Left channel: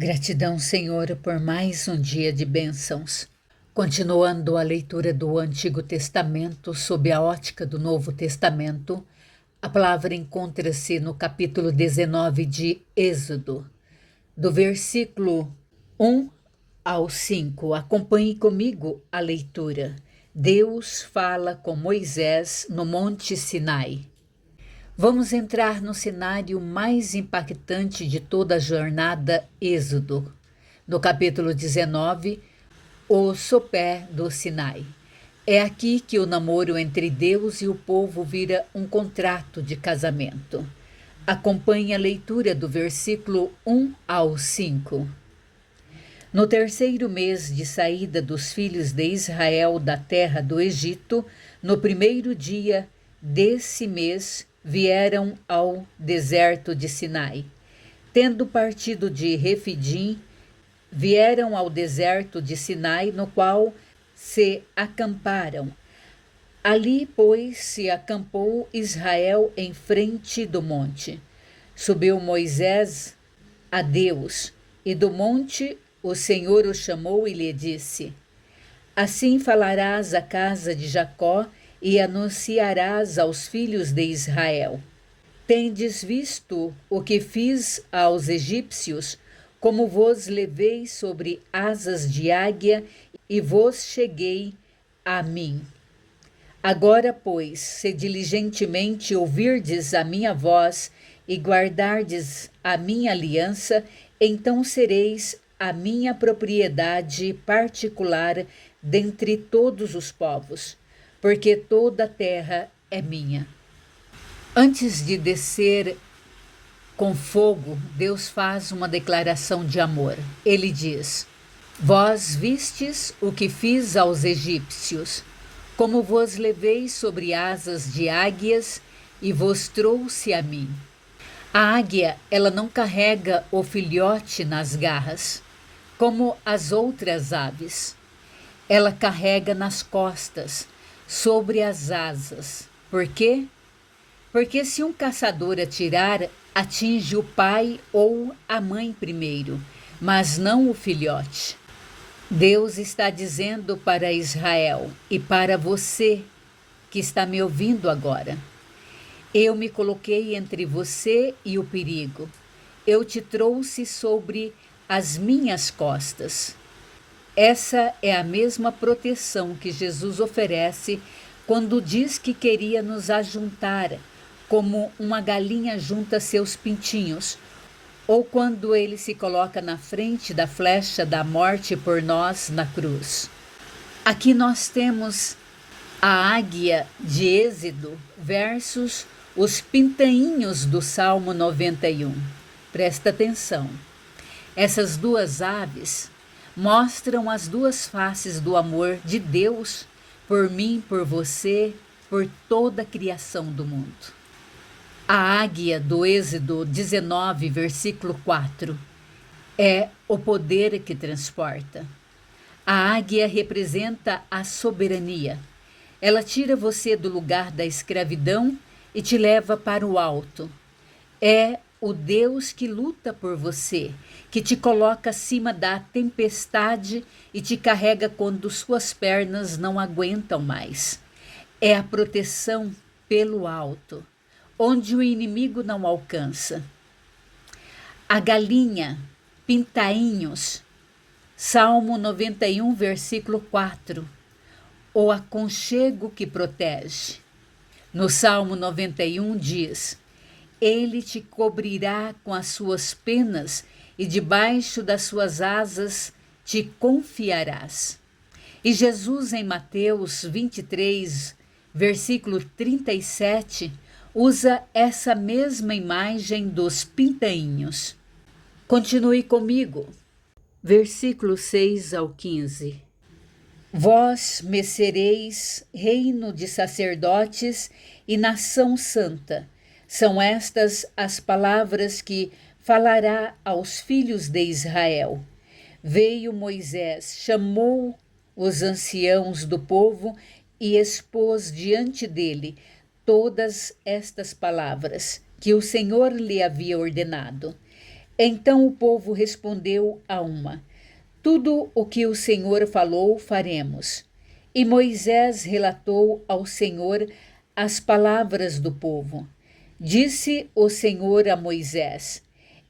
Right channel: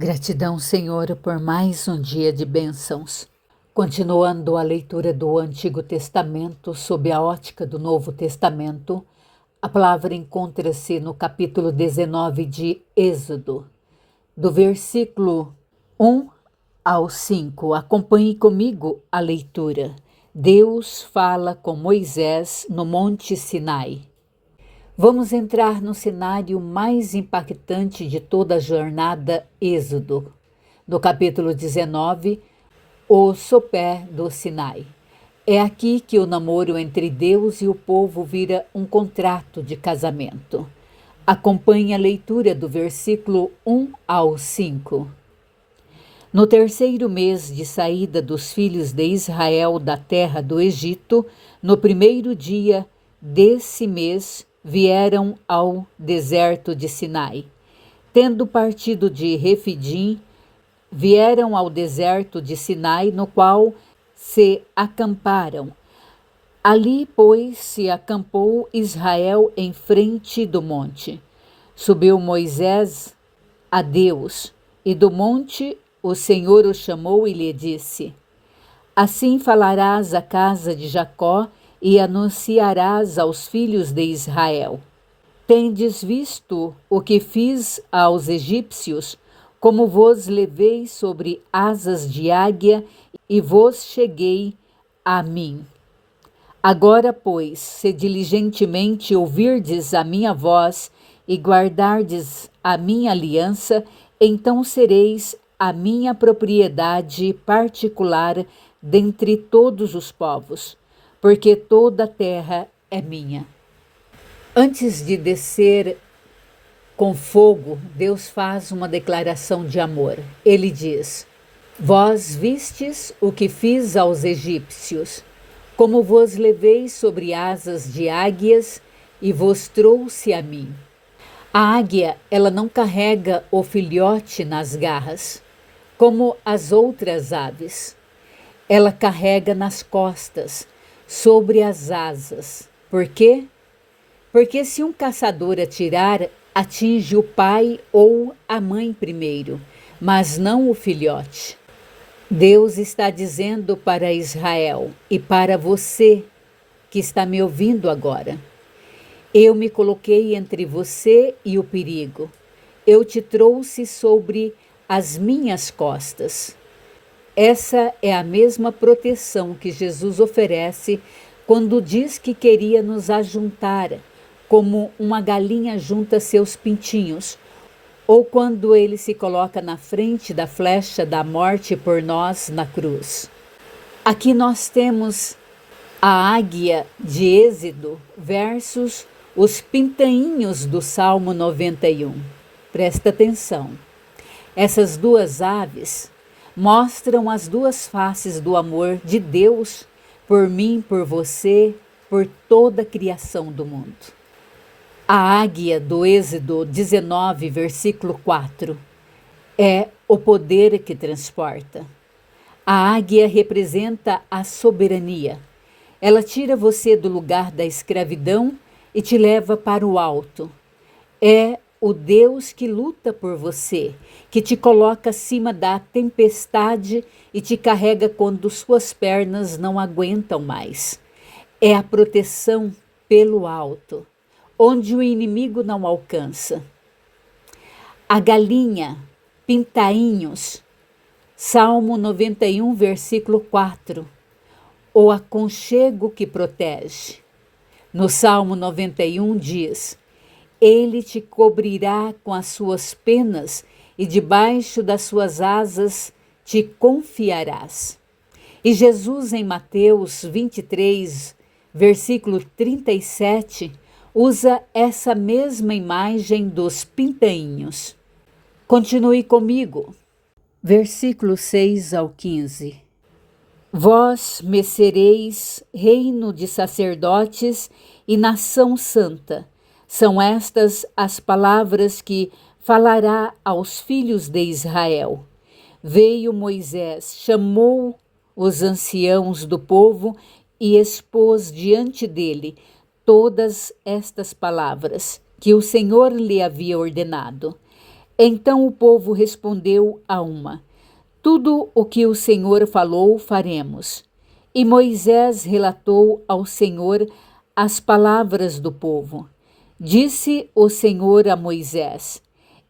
Gratidão, Senhor, por mais um dia de bênçãos. Continuando a leitura do Antigo Testamento sob a ótica do Novo Testamento, a palavra encontra-se no capítulo 19 de Êxodo, do versículo 1 ao 5. Acompanhe comigo a leitura. Deus fala com Moisés no Monte Sinai. Vamos entrar no cenário mais impactante de toda a jornada Êxodo, no capítulo 19, o sopé do Sinai. É aqui que o namoro entre Deus e o povo vira um contrato de casamento. Acompanhe a leitura do versículo 1 ao 5. No terceiro mês de saída dos filhos de Israel da terra do Egito, no primeiro dia desse mês, vieram ao deserto de Sinai. Tendo partido de Refidim, vieram ao deserto de Sinai, no qual se acamparam. Ali, pois, se acampou Israel em frente do monte. Subiu Moisés a Deus, e do monte o Senhor o chamou e lhe disse: Assim falarás à casa de Jacó e anunciarás aos filhos de Israel: Tendes visto o que fiz aos egípcios, como vos levei sobre asas de águia e vos cheguei a mim. Agora, pois, se diligentemente ouvirdes a minha voz e guardardes a minha aliança, então sereis a minha propriedade particular dentre todos os povos, porque toda a terra é minha. Antes de descer com fogo, Deus faz uma declaração de amor. Ele diz: Vós vistes o que fiz aos egípcios, como vos levei sobre asas de águias e vos trouxe a mim. A águia, ela não carrega o filhote nas garras, como as outras aves. Ela carrega nas costas, sobre as asas. Por quê? Porque se um caçador atirar, atinge o pai ou a mãe primeiro, mas não o filhote. Deus está dizendo para Israel e para você que está me ouvindo agora: Eu me coloquei entre você e o perigo. Eu te trouxe sobre as minhas costas. Essa é a mesma proteção que Jesus oferece quando diz que queria nos ajuntar, como uma galinha junta seus pintinhos, ou quando ele se coloca na frente da flecha da morte por nós na cruz. Aqui nós temos a águia de Êxodo versus os pintainhos do Salmo 91. Presta atenção. Essas duas aves mostram as duas faces do amor de Deus por mim, por você, por toda a criação do mundo. A águia do Êxodo 19, versículo 4, é o poder que transporta. A águia representa a soberania. Ela tira você do lugar da escravidão e te leva para o alto. É o Deus que luta por você, que te coloca acima da tempestade e te carrega quando suas pernas não aguentam mais. É a proteção pelo alto, onde o inimigo não alcança. A galinha, pintainhos, Salmo 91, versículo 4, o aconchego que protege. No Salmo 91 diz: Ele te cobrirá com as suas penas e debaixo das suas asas te confiarás. E Jesus, em Mateus 23, versículo 37, usa essa mesma imagem dos pintainhos. Continue comigo. Versículo 6 ao 15. Vós me sereis reino de sacerdotes e nação santa. São estas as palavras que falará aos filhos de Israel. Veio Moisés, chamou os anciãos do povo e expôs diante dele todas estas palavras que o Senhor lhe havia ordenado. Então o povo respondeu a uma: tudo o que o Senhor falou, faremos. E Moisés relatou ao Senhor as palavras do povo. Disse o Senhor a Moisés:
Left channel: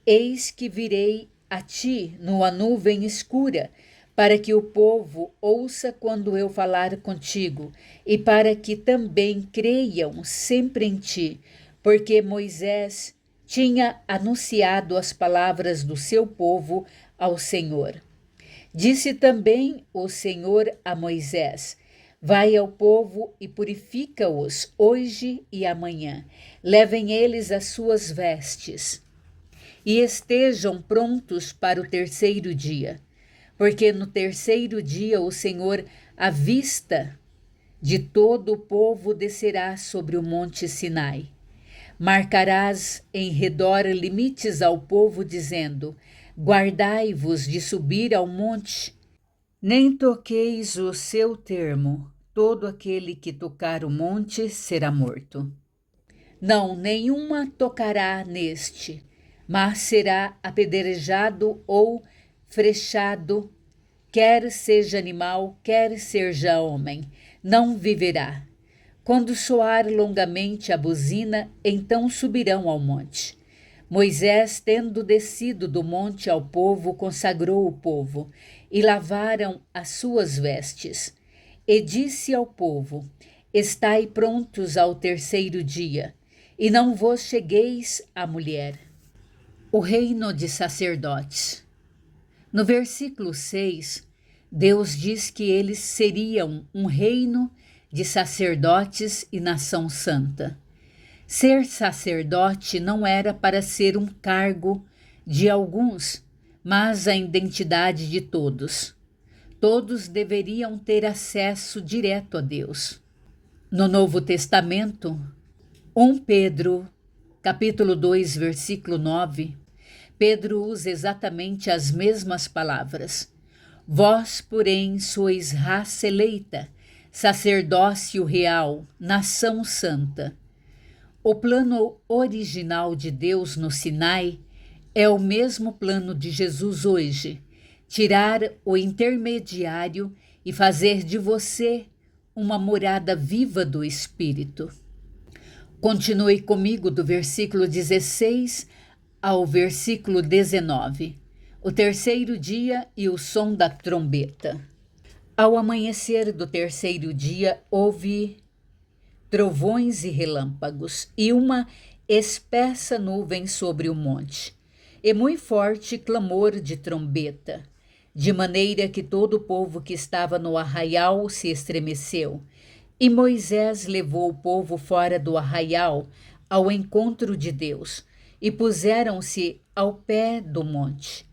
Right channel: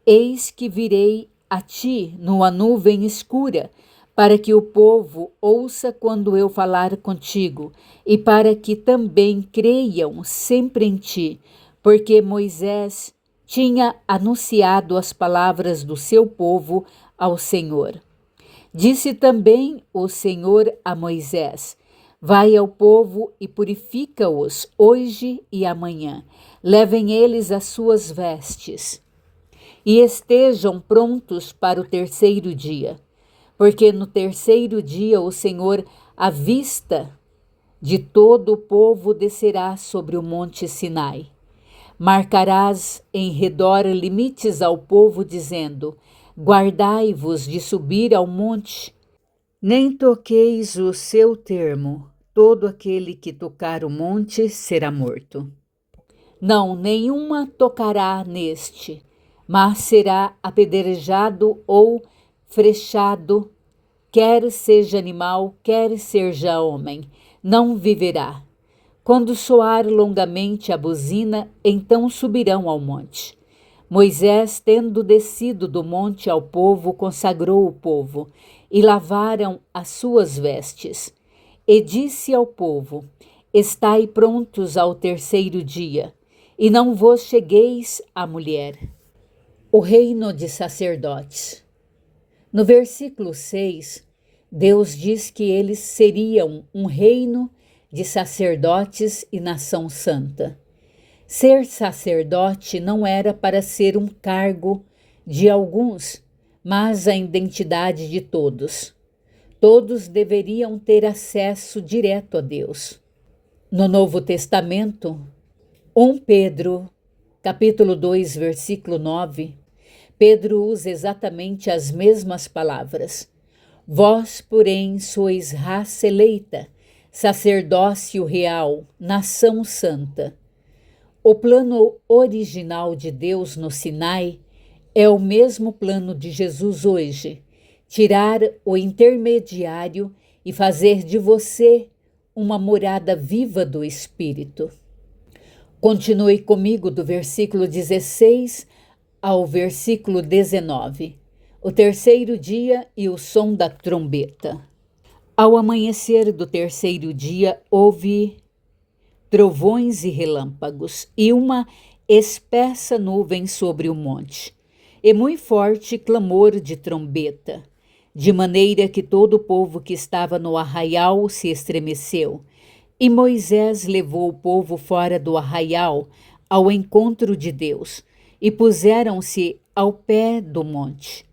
eis que virei a ti numa nuvem escura, para que o povo ouça quando eu falar contigo, e para que também creiam sempre em ti, porque Moisés tinha anunciado as palavras do seu povo ao Senhor. Disse também o Senhor a Moisés: vai ao povo e purifica-os hoje e amanhã. Levem eles as suas vestes e estejam prontos para o terceiro dia, porque no terceiro dia o Senhor, à vista de todo o povo, descerá sobre o monte Sinai. Marcarás em redor limites ao povo, dizendo: guardai-vos de subir ao monte, nem toqueis o seu termo. Todo aquele que tocar o monte será morto. Não, nenhuma tocará neste, mas será apedrejado ou frechado, quer seja animal, quer seja homem, não viverá. Quando soar longamente a buzina, então subirão ao monte. Moisés, tendo descido do monte ao povo, consagrou o povo, e lavaram as suas vestes. E disse ao povo: estai prontos ao terceiro dia, e não vos chegueis à mulher. O reino de sacerdotes. No versículo 6, Deus diz que eles seriam um reino de sacerdotes e nação santa. Ser sacerdote não era para ser um cargo de alguns, mas a identidade de todos. Todos deveriam ter acesso direto a Deus. No Novo Testamento, 1 Pedro, capítulo 2, versículo 9, Pedro usa exatamente as mesmas palavras. Vós, porém, sois raça eleita, sacerdócio real, nação santa. O plano original de Deus no Sinai é o mesmo plano de Jesus hoje: tirar o intermediário e fazer de você uma morada viva do Espírito. Continue comigo do versículo 16 ao versículo 19. O terceiro dia e o som da trombeta. Ao amanhecer do terceiro dia, houve trovões e relâmpagos, e uma espessa nuvem sobre o monte, e muito forte clamor de trombeta, de maneira que todo o povo que estava no arraial se estremeceu. E Moisés levou o povo fora do arraial ao encontro de Deus, e puseram-se ao pé do monte.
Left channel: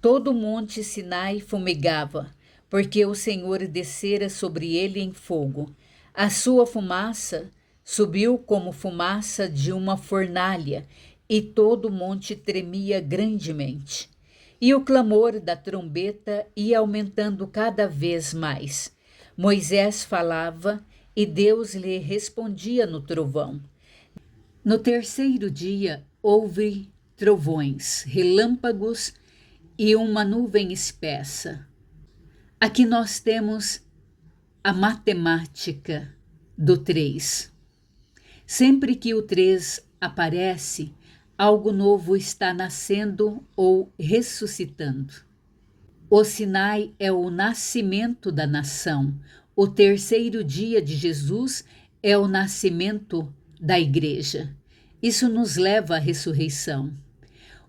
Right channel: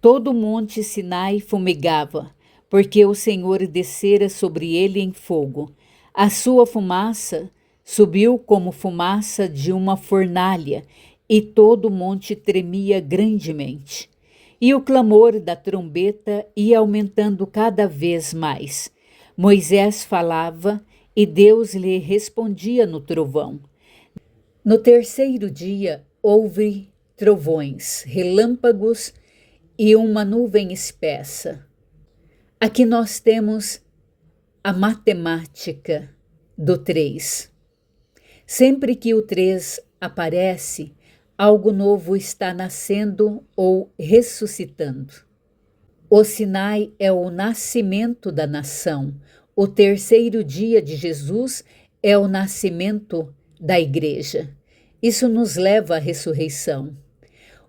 Todo o monte Sinai fumegava, porque o Senhor descera sobre ele em fogo. A sua fumaça subiu como fumaça de uma fornalha, e todo o monte tremia grandemente. E o clamor da trombeta ia aumentando cada vez mais. Moisés falava e Deus lhe respondia no trovão. No terceiro dia houve trovões, relâmpagos e uma nuvem espessa. Aqui nós temos a matemática do 3. Sempre que o 3 aparece, algo novo está nascendo ou ressuscitando. O Sinai é o nascimento da nação. O terceiro dia de Jesus é o nascimento da igreja. Isso nos leva à ressurreição.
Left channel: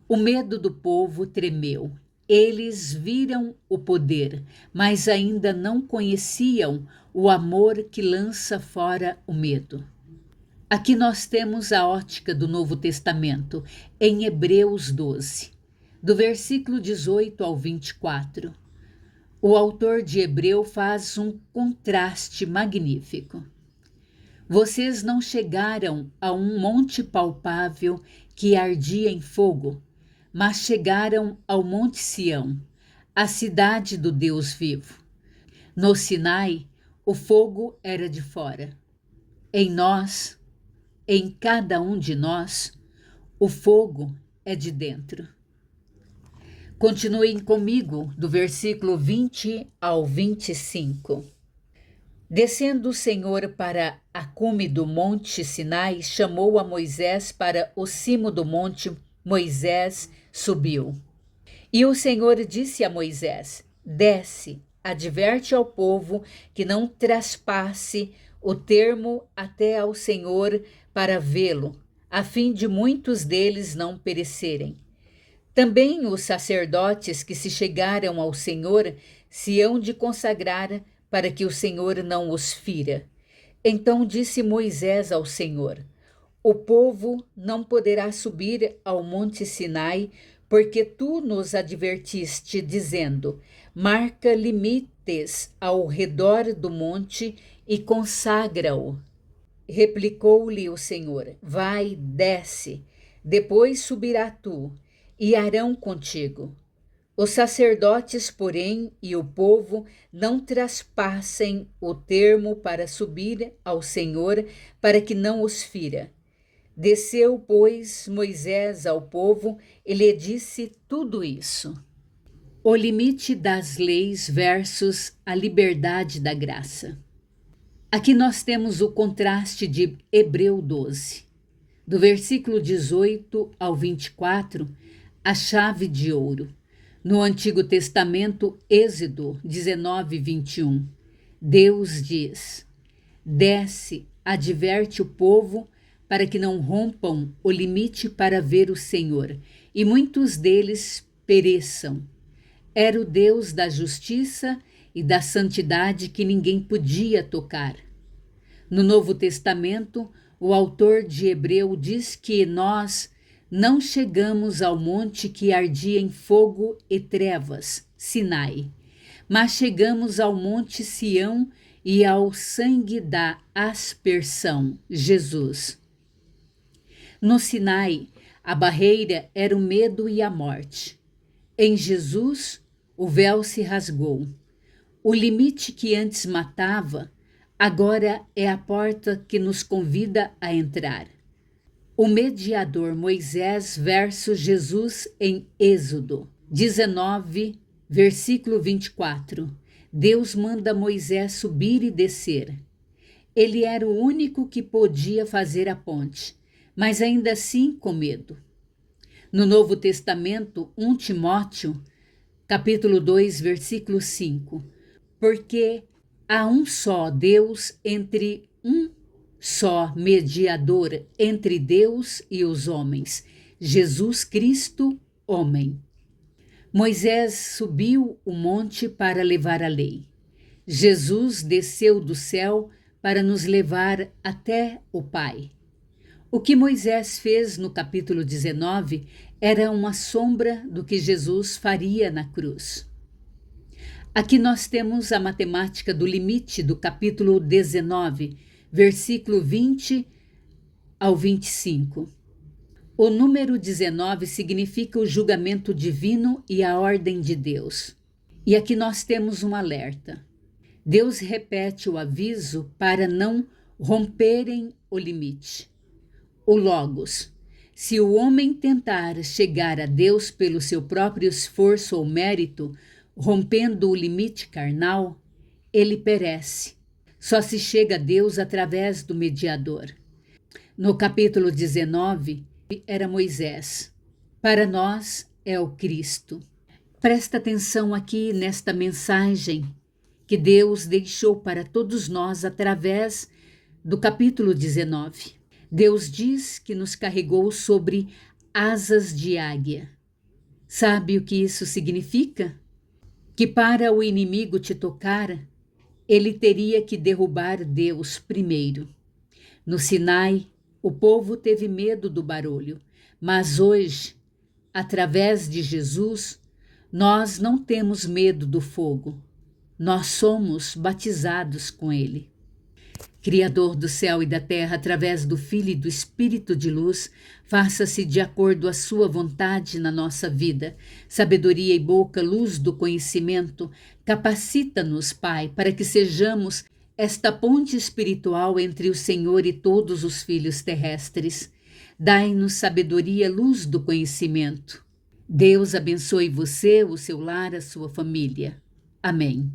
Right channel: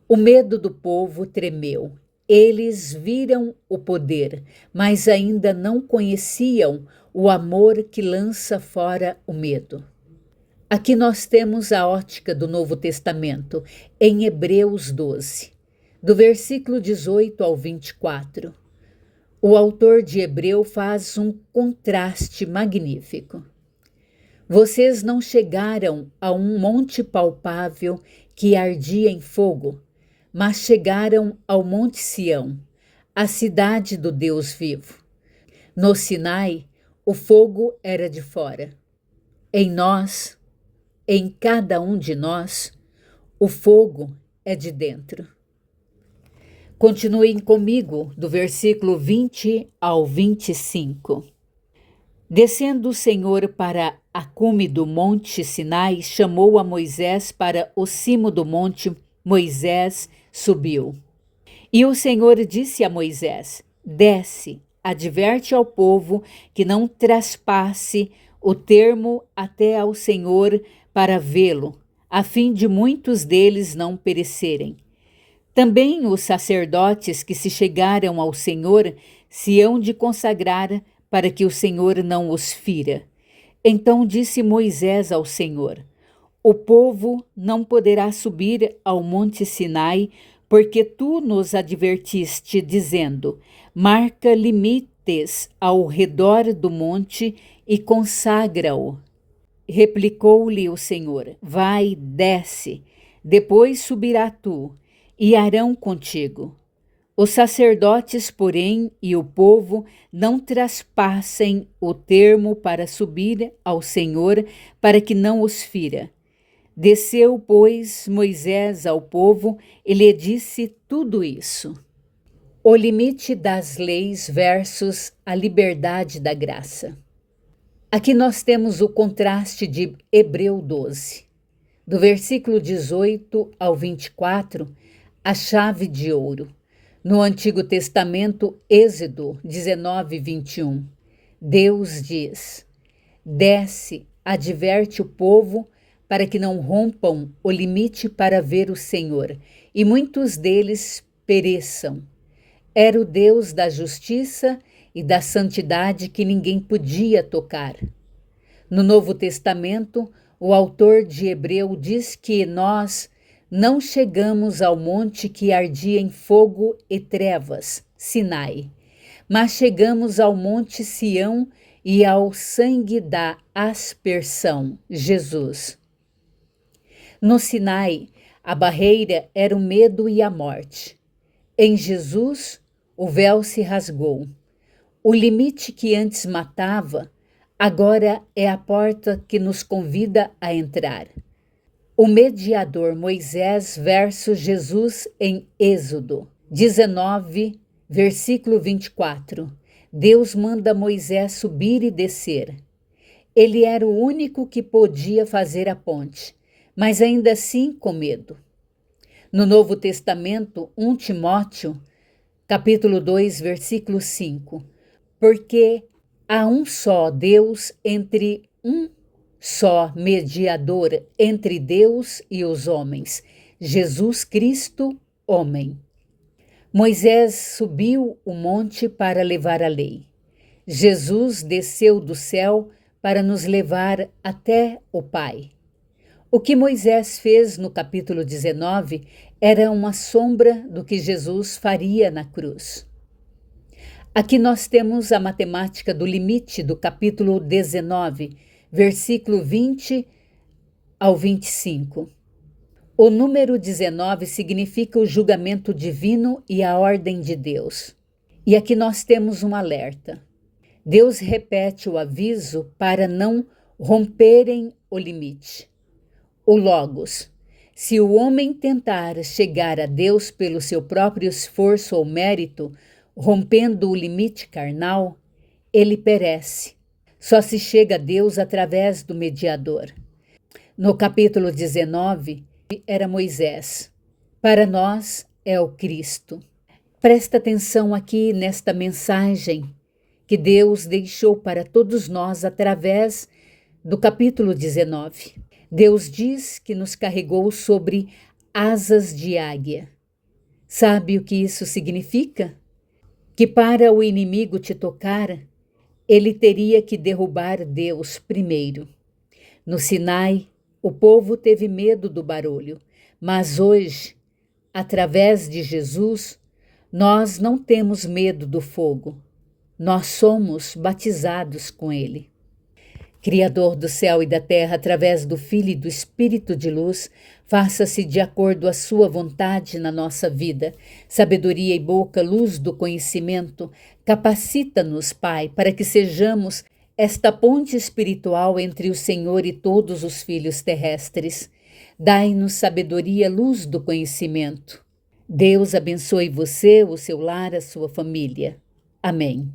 O medo do povo tremeu. Eles viram o poder, mas ainda não conheciam o amor que lança fora o medo. Aqui nós temos a ótica do Novo Testamento, em Hebreus 12, do versículo 18 ao 24. O autor de Hebreu faz um contraste magnífico. Vocês não chegaram a um monte palpável que ardia em fogo, mas chegaram ao Monte Sião, a cidade do Deus vivo. No Sinai, o fogo era de fora. Em nós, em cada um de nós, o fogo é de dentro. Continuem comigo, do versículo 20 ao 25. Descendo o Senhor para a cume do monte Sinai, chamou a Moisés para o cimo do monte. Moisés subiu. E o Senhor disse a Moisés: desce, adverte ao povo que não traspasse o termo até ao Senhor para vê-lo, a fim de muitos deles não perecerem. Também os sacerdotes que se chegaram ao Senhor se hão de consagrar para que o Senhor não os fira. Então disse Moisés ao Senhor: o povo não poderá subir ao monte Sinai, porque tu nos advertiste, dizendo: marca limites ao redor do monte e consagra-o. Replicou-lhe o Senhor: vai, desce, depois subirá tu, e Arão contigo. Os sacerdotes, porém, e o povo não traspassem o termo para subir ao Senhor, para que não os fira. Desceu, pois, Moisés ao povo e lhe disse tudo isso. O limite das leis versus a liberdade da graça. Aqui nós temos o contraste de Hebreu 12. Do versículo 18 ao 24, a chave de ouro. No Antigo Testamento, Êxodo 19, 21, Deus diz: desce, adverte o povo para que não rompam o limite para ver o Senhor, e muitos deles pereçam. Era o Deus da justiça e da santidade que ninguém podia tocar. No Novo Testamento, o autor de Hebreu diz que nós não chegamos ao monte que ardia em fogo e trevas, Sinai, mas chegamos ao monte Sião e ao sangue da aspersão, Jesus. No Sinai, a barreira era o medo e a morte. Em Jesus, o véu se rasgou. O limite que antes matava, agora é a porta que nos convida a entrar. O mediador Moisés versus Jesus em Êxodo 19, versículo 24. Deus manda Moisés subir e descer. Ele era o único que podia fazer a ponte, mas ainda assim com medo. No Novo Testamento, 1 Timóteo, capítulo 2, versículo 5. Porque há um só Deus um só mediador entre Deus e os homens, Jesus Cristo, homem. Moisés subiu o monte para levar a lei. Jesus desceu do céu para nos levar até o Pai. O que Moisés fez no capítulo 19 era uma sombra do que Jesus faria na cruz. Aqui nós temos a matemática do limite do capítulo 19, versículo 20 ao 25. O número 19 significa o julgamento divino e a ordem de Deus. E aqui nós temos um alerta. Deus repete o aviso para não romperem o limite. O Logos. Se o homem tentar chegar a Deus pelo seu próprio esforço ou mérito, rompendo o limite carnal, ele perece. Só se chega a Deus através do mediador. No capítulo 19, era Moisés. Para nós é o Cristo. Presta atenção aqui nesta mensagem que Deus deixou para todos nós através do capítulo 19. Deus diz que nos carregou sobre asas de águia. Sabe o que isso significa? Que para o inimigo te tocar, ele teria que derrubar Deus primeiro. No Sinai, o povo teve medo do barulho, mas hoje, através de Jesus, nós não temos medo do fogo. Nós somos batizados com ele. Criador do céu e da terra, através do Filho e do Espírito de luz, faça-se de acordo à sua vontade na nossa vida. Sabedoria e boca, luz do conhecimento, capacita-nos, Pai, para que sejamos esta ponte espiritual entre o Senhor e todos os filhos terrestres. Dai-nos sabedoria, luz do conhecimento. Deus abençoe você, o seu lar, a sua família. Amém.